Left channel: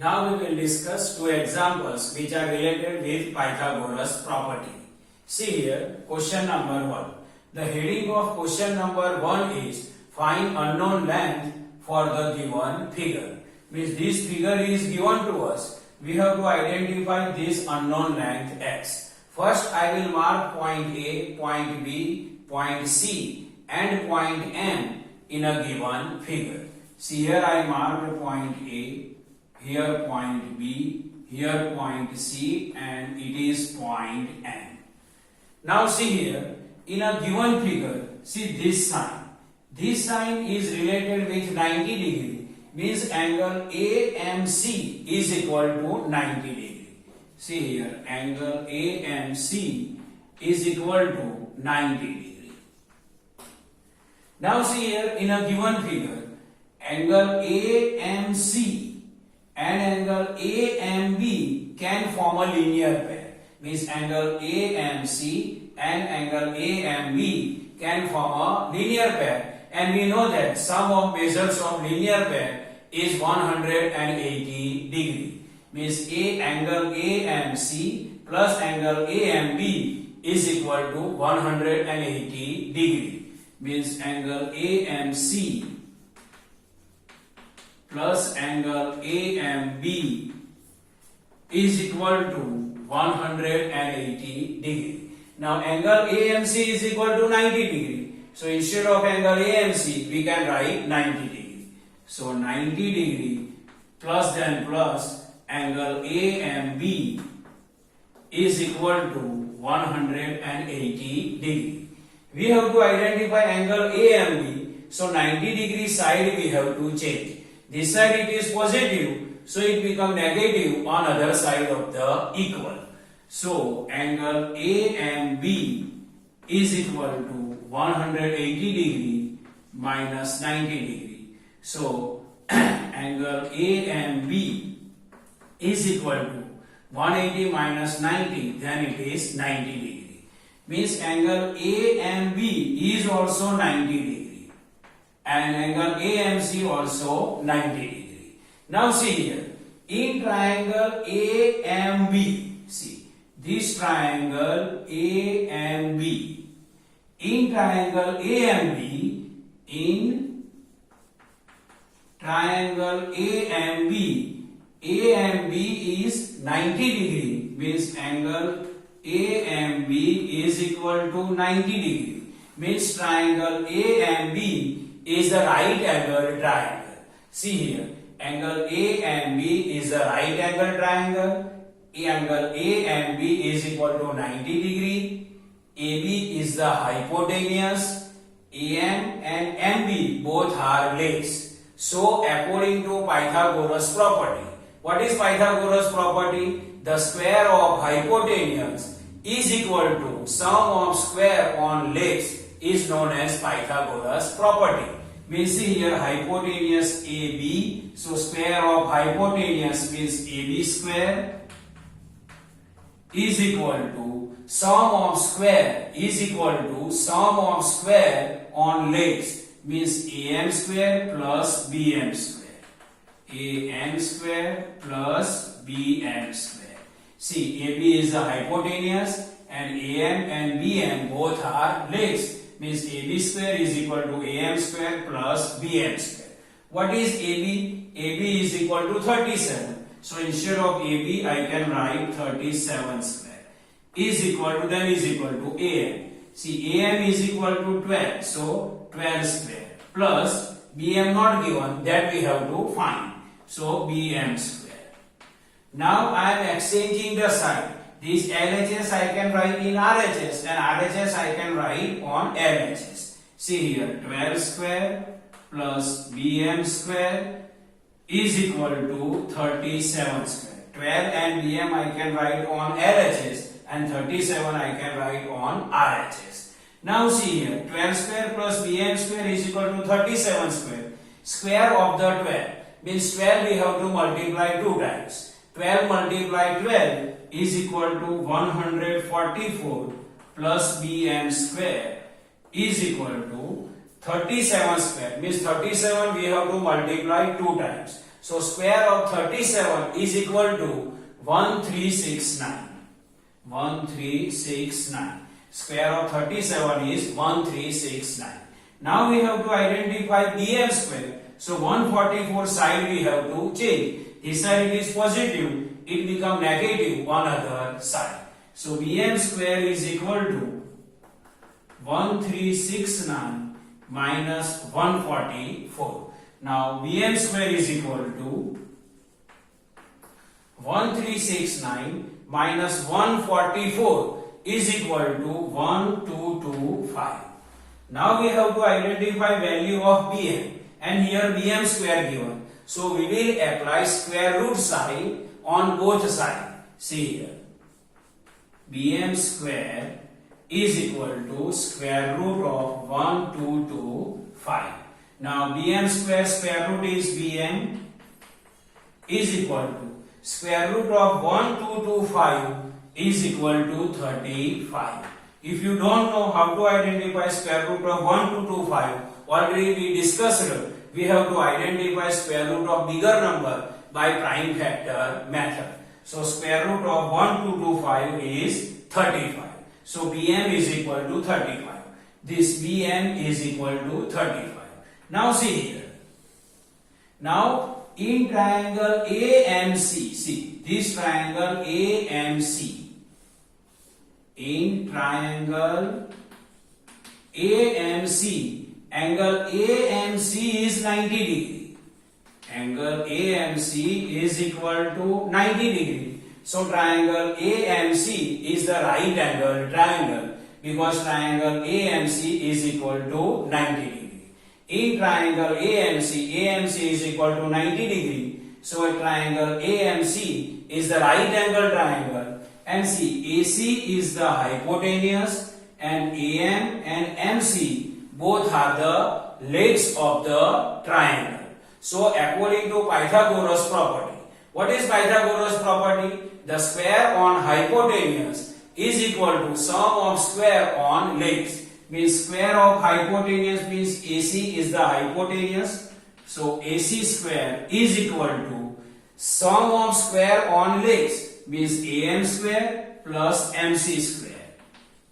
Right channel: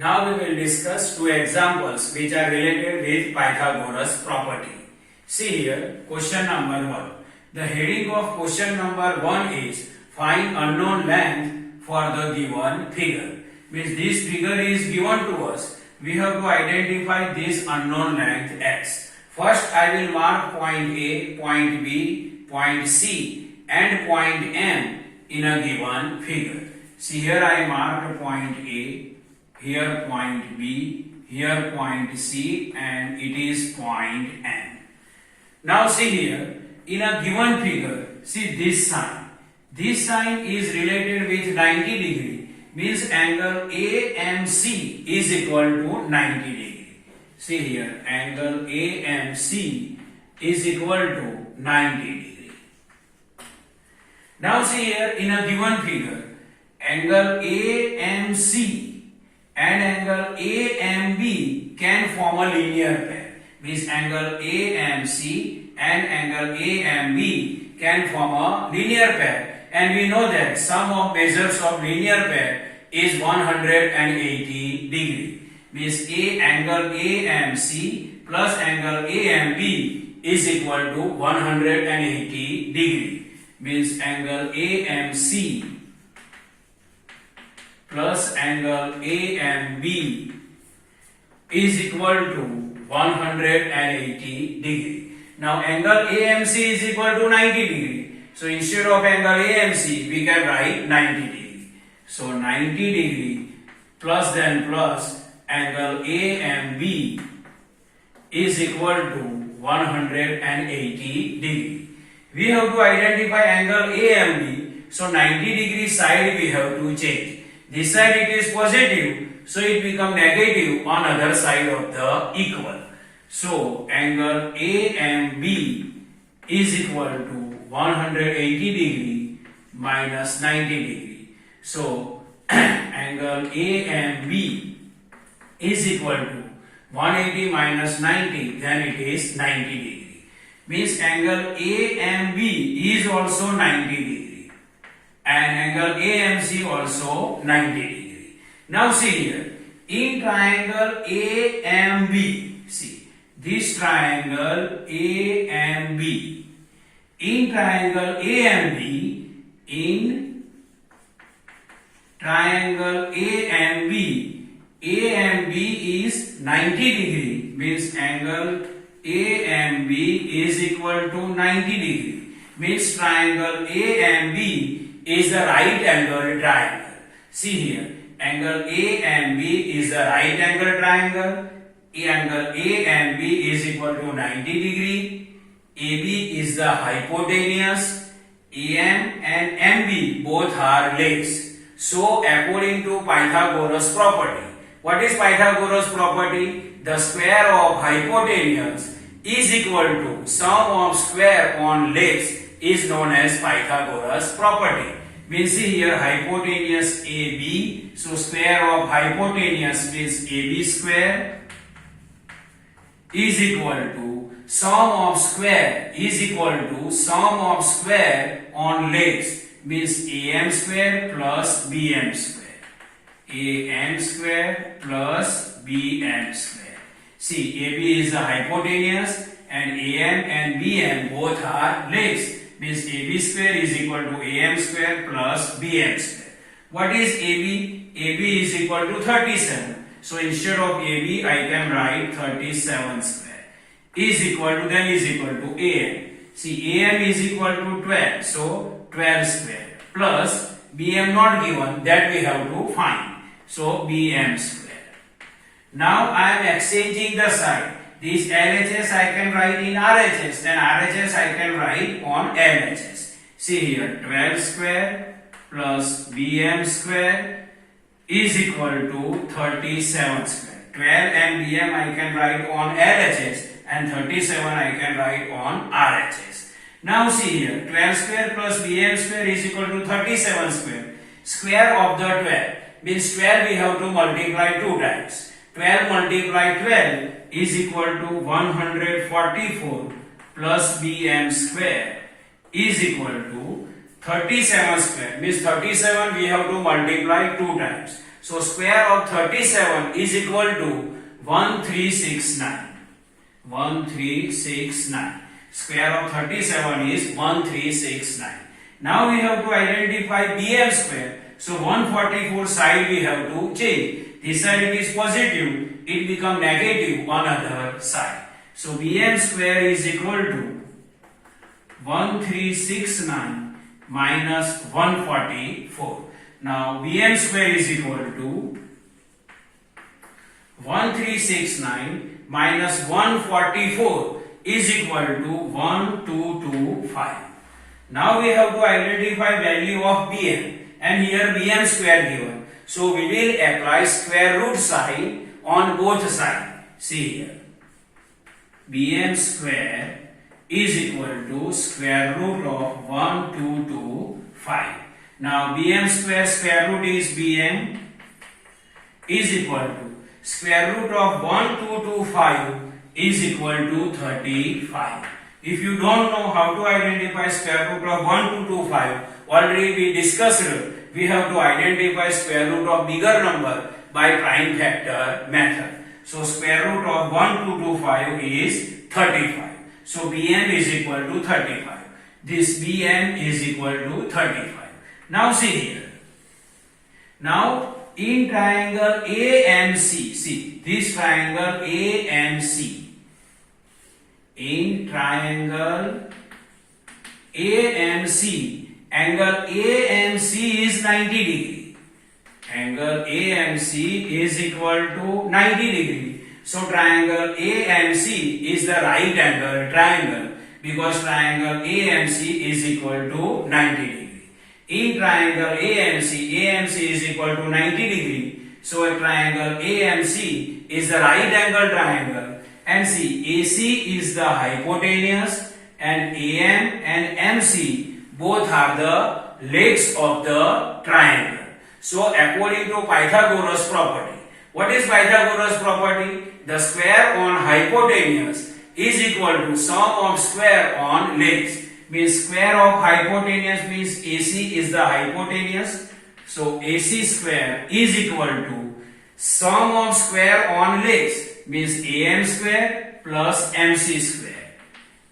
Now we will discuss two examples which are related with Pythagoras property. See here, question number 1. The heading of question number 1 is find unknown length for the given figure. Means this figure is given to us. We have to identify this unknown length x. First I will mark point A, point B, point C and point M in a given figure. See here I marked point A, here point B, here point C and it is point N. Now see here, in a given figure, see this sign. This sign is related with 90 degree, means angle AMC is equal to 90 degree. See here, angle AMC is equal to 90 degree. Now see here, in a given figure, angle AMC and angle AMB can form a linear pair. Means angle AMC and angle AMB can form a linear pair, and we know that sum of measures of linear pair is 180 degree. Means angle AMC plus angle AMB is equal to 180 degree. Means angle AMC plus angle AMB is equal to 180 degree. Now angle AMC is equal to 90 degree. So instead of angle AMC we can write 90 degree. So 90 degree plus angle AMB is equal to 180 degree. We have to identify angle AMB. So 90 degree side we have to change. This side it is positive, so it becomes negative on other side of the equal. So angle AMB is equal to 180 degree minus 90 degree. So angle AMB is equal to 180 minus 90, then it is 90 degree. Means angle AMB is also 90 degree. And angle AMC also 90 degree. Now see here, in triangle AMB, see this triangle AMB, in triangle AMB, in triangle AMB, AMB is 90 degree, means angle AMB is equal to 90 degree, means triangle AMB is a right angle triangle. See here, angle AMB is a right angle triangle. Angle AMB is equal to 90 degree. AB is the hypotenuse. AM and MB both are legs. So according to Pythagoras property, what is Pythagoras property? The square of hypotenuse is equal to sum of square on legs is known as Pythagoras property. We see here hypotenuse AB, so square of hypotenuse means AB square is equal to sum of square is equal to sum of square on legs means AM square plus BM square. AM square plus BM square. See, AB is the hypotenuse and AM and BM both are legs. Means AB square is equal to AM square plus BM square. What is AB? AB is equal to 37. So instead of AB, I can write 37 square. Is equal to, then is equal to AM. See, AM is equal to 12. So 12 square plus BM not given, that we have to find. So BM square. Now I am exchanging the side. This LHS I can write in RHS and RHS I can write on LHS. See here, 12 square plus BM square is equal to 37 square. 12 and BM I can write on LHS and 37 I can write on RHS. Now see here, 12 square plus BM square is equal to 37 square. Square of the 12 means 12 we have to multiply 2 times. 12 multiplied 12 is equal to 144 plus BM square is equal to 37 square. Means 37 we have to multiply 2 times. So square of 37 is equal to 1369. 1369. Square of 37 is 1369. Now we have to identify bm square. So 144 side we have to change. This side it is positive, it become negative on other side. So bm square is equal to 1369 minus 144. Now bm square is equal to 1369 minus 144 is equal to 1225. Now we have to identify value of bm, and here bm square given. So we will apply square root sign on both sides. See here, bm square is equal to square root of 1225. Now bm square root is bm is equal to square root of 1225 is equal to 35. If you don't know how to identify square root of 1225, already we discussed, we have to identify square root of bigger number by prime factor method. So square root of 1225 is 35. So bm is equal to 35. This bm is equal to 35. Now see here. Now in triangle AMC, see this triangle AMC. In triangle AMC, angle AMC is 90 degree. Angle AMC is equal to 90 degree. So triangle AMC is the right angle triangle, because triangle AMC is equal to 90 degree. In triangle AMC is equal to 90 degree. So a triangle AMC is the right angle triangle. And see, AC is the hypotenuse and AM and MC both are the legs of the triangle. So according to Pythagoras property, what is Pythagoras property? The square on hypotenuse is equal to sum of square on legs. Means square of hypotenuse means AC is the hypotenuse. So AC square is equal to sum of square on legs, means AM square plus MC square.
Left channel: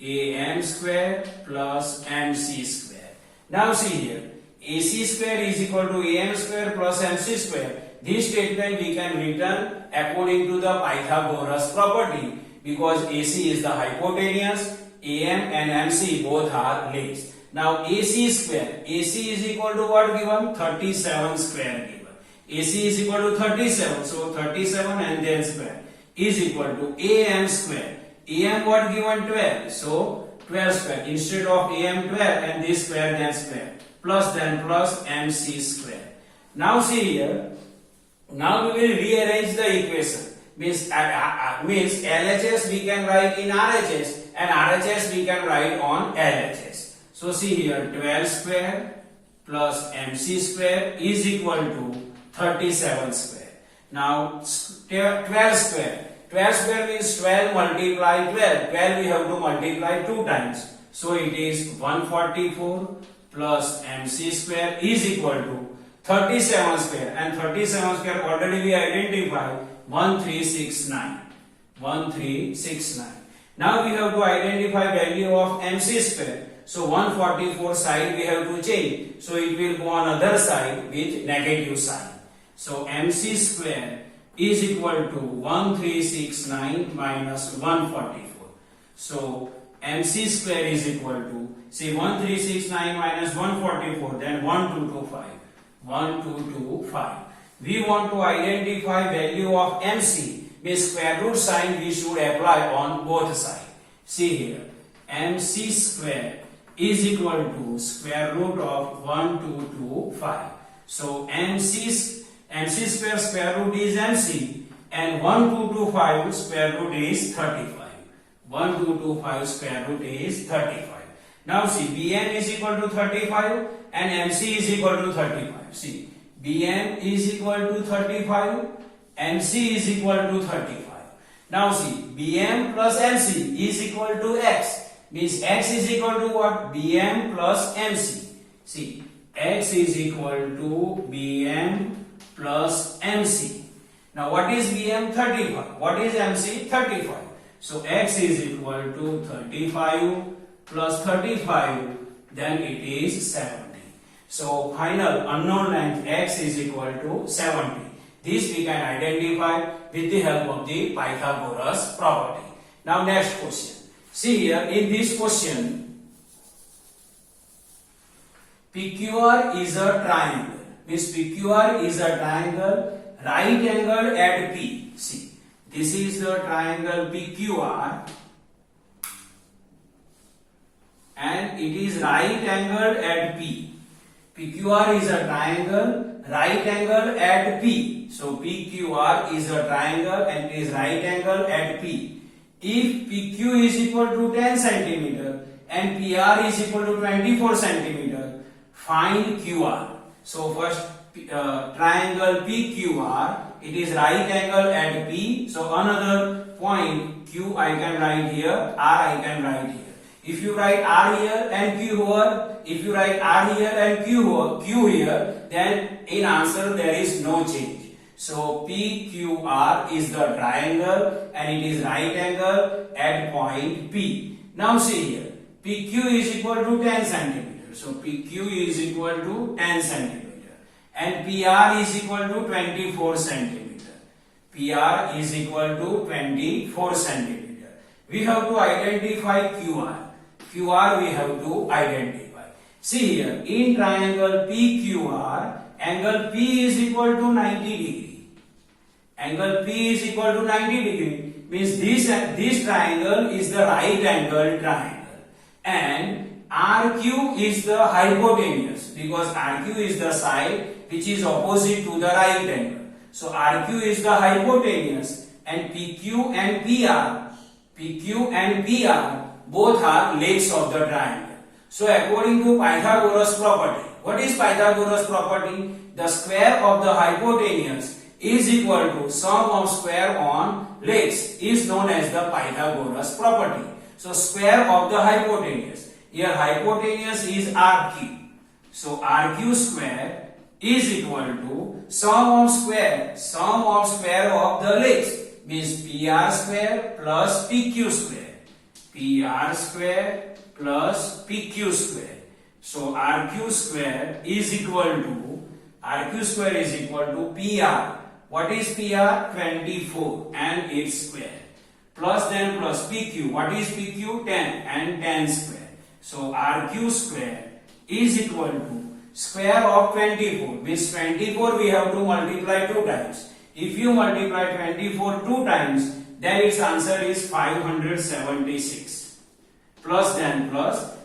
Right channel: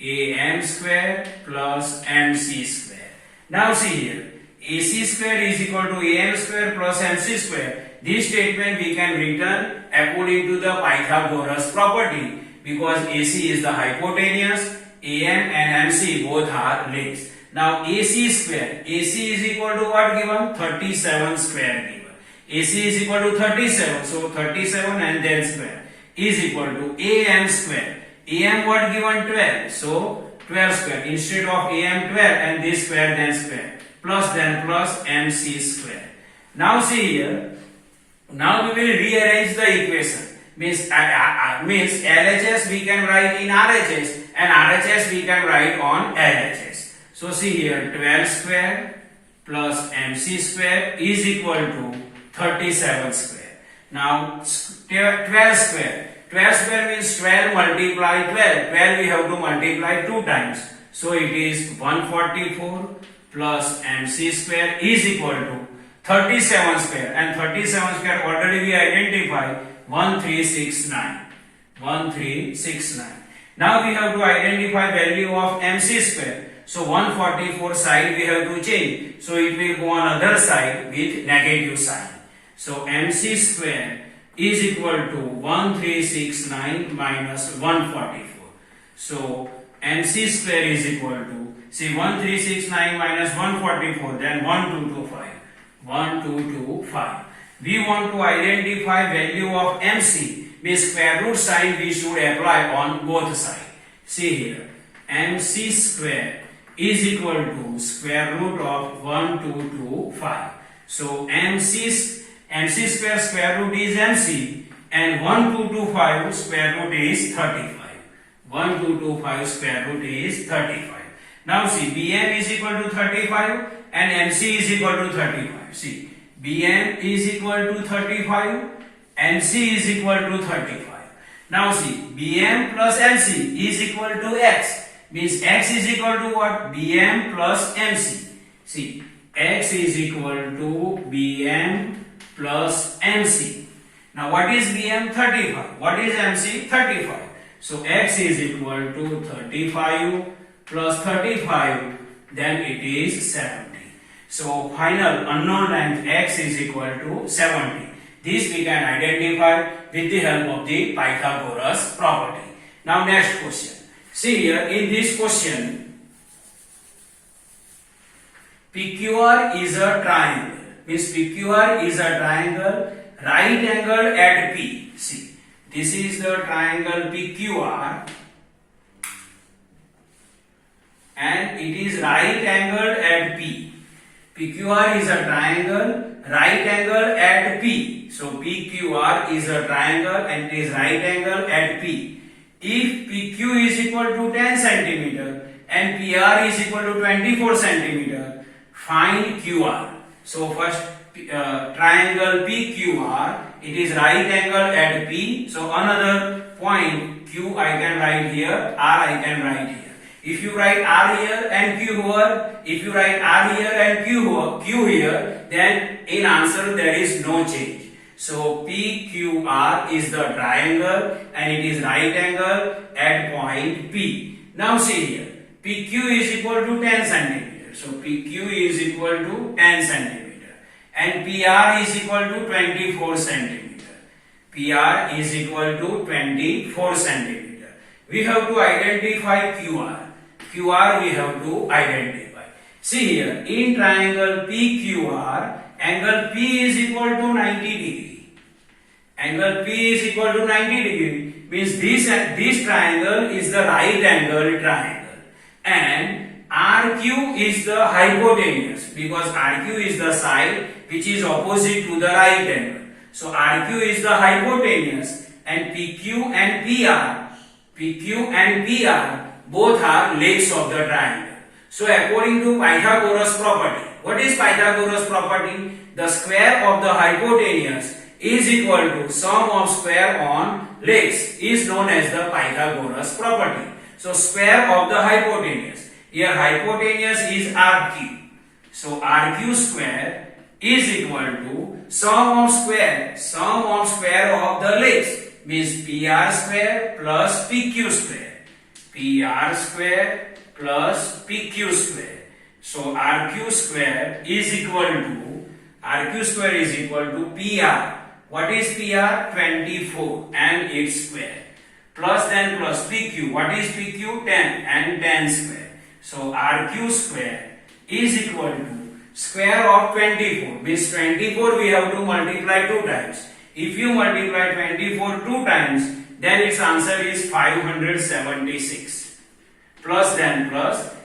AM square plus MC square. Now see here, AC square is equal to AM square plus MC square. This statement we can return according to the Pythagoras property, because AC is the hypotenuse, AM and MC both are legs. Now AC square, AC is equal to what given? 37 square given. AC is equal to 37, so 37 and then square is equal to AM square. AM what given? 12, so 12 square. Instead of AM 12 and this square then square, plus MC square. Now see here, now we will rearrange the equation. Means LHS we can write in RHS and RHS we can write on LHS. So see here, 12 square plus MC square is equal to 37 square. Now 12 square. 12 square means 12 multiply 12. 12 we have to multiply 2 times. So it is 144 plus MC square is equal to 37 square. And 37 square already we identify 1369. 1369. Now we have to identify value of MC square. So 144 side we have to change. So it will go on other side with negative sign. So MC square is equal to 1369 minus 144. So MC square is equal to, say 1369 minus 144, then 1225. 1225. We want to identify value of MC. Means square root sign we should apply on both sides. See here, MC square is equal to square root of 1225. So MC square root is MC and 1225 square root is 35. 1225 square root is 35. Now see, BM is equal to 35 and MC is equal to 35. See, BM is equal to 35, MC is equal to 35. Now see, BM plus MC is equal to X. Means X is equal to what? BM plus MC. See, X is equal to BM plus MC. Now what is BM? 35. What is MC? 35. So X is equal to 35 plus 35, then it is 70. So final unknown length X is equal to 70. This we can identify with the help of the Pythagoras property. Now next question. See here in this question, PQR is a triangle. Means PQR is a triangle right angle at P. See, this is the triangle PQR and it is right angled at P. PQR is a triangle right angle at P. So PQR is a triangle and it is right angle at P. If PQ is equal to 10 centimeter and PR is equal to 24 centimeter, find QR. So first triangle PQR, it is right angle at P. So another point Q I can write here, R I can write here. If you write R here and Q here, if you write R here and Q here, then in answer there is no change. So PQR is the triangle and it is right angle at point P. Now see here, PQ is equal to 10 centimeter. So PQ is equal to 10 centimeter and PR is equal to 24 centimeter. PR is equal to 24 centimeter. We have to identify QR. QR we have to identify. See here, in triangle PQR, angle P is equal to 90 degree. Angle P is equal to 90 degree means this triangle is the right angle triangle and RQ is the hypotenuse because RQ is the side which is opposite to the right angle. So RQ is the hypotenuse and PQ and PR both are legs of the triangle. So according to Pythagoras property, what is Pythagoras property? The square of the hypotenuse is equal to sum of square on legs is known as the Pythagoras property. So square of the hypotenuse. Here hypotenuse is RQ. So RQ square is equal to sum of square of the legs means PR square plus PQ square. PR square plus PQ square. So RQ square is equal to PR. What is PR? 24 and its square. Plus PQ. What is PQ? 10 and 10 square. So RQ square is equal to square of 24. Means 24 we have to multiply 2 times. If you multiply 24 2 times, then its answer is 576. Plus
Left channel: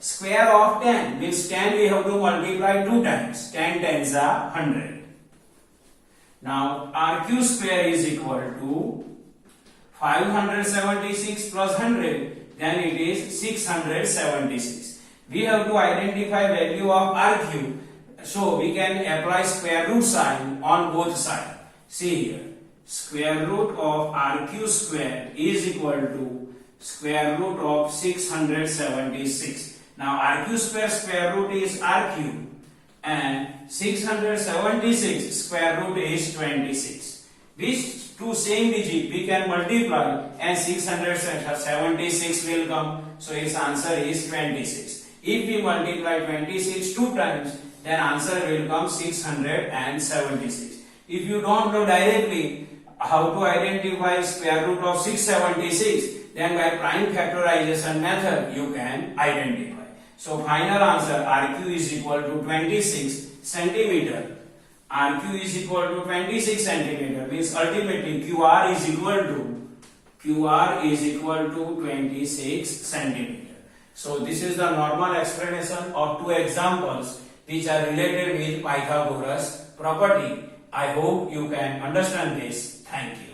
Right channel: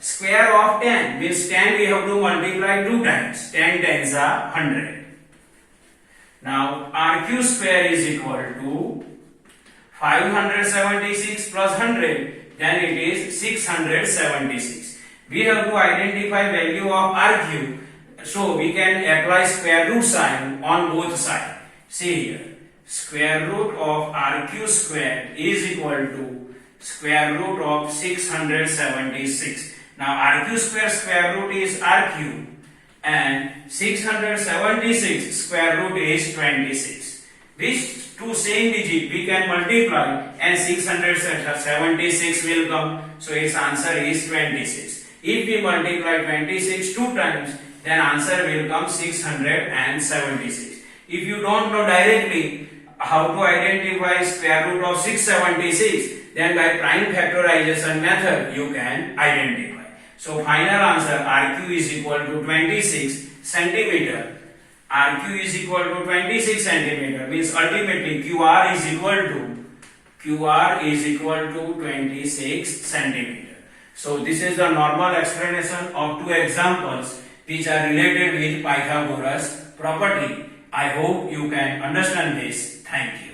square of 10 means 10 we have to multiply 2 times. 10 tens are 100. Now RQ square is equal to 576 plus 100, then it is 676. We have to identify value of RQ, so we can apply square root sign on both sides. See here, square root of RQ square is equal to square root of 676. Now RQ square root is RQ and 676 square root is 26. Which two same digit we can multiply and 676 will come. So its answer is 26. If we multiply 26 2 times, then answer will come 676. If you don't know directly how to identify square root of 676, then by prime factorization method you can identify. So final answer RQ is equal to 26 centimeter. RQ is equal to 26 centimeter means ultimately QR is equal to 26 centimeter. So this is the normal explanation of 2 examples which are related with Pythagoras property. I hope you can understand this. Thank you.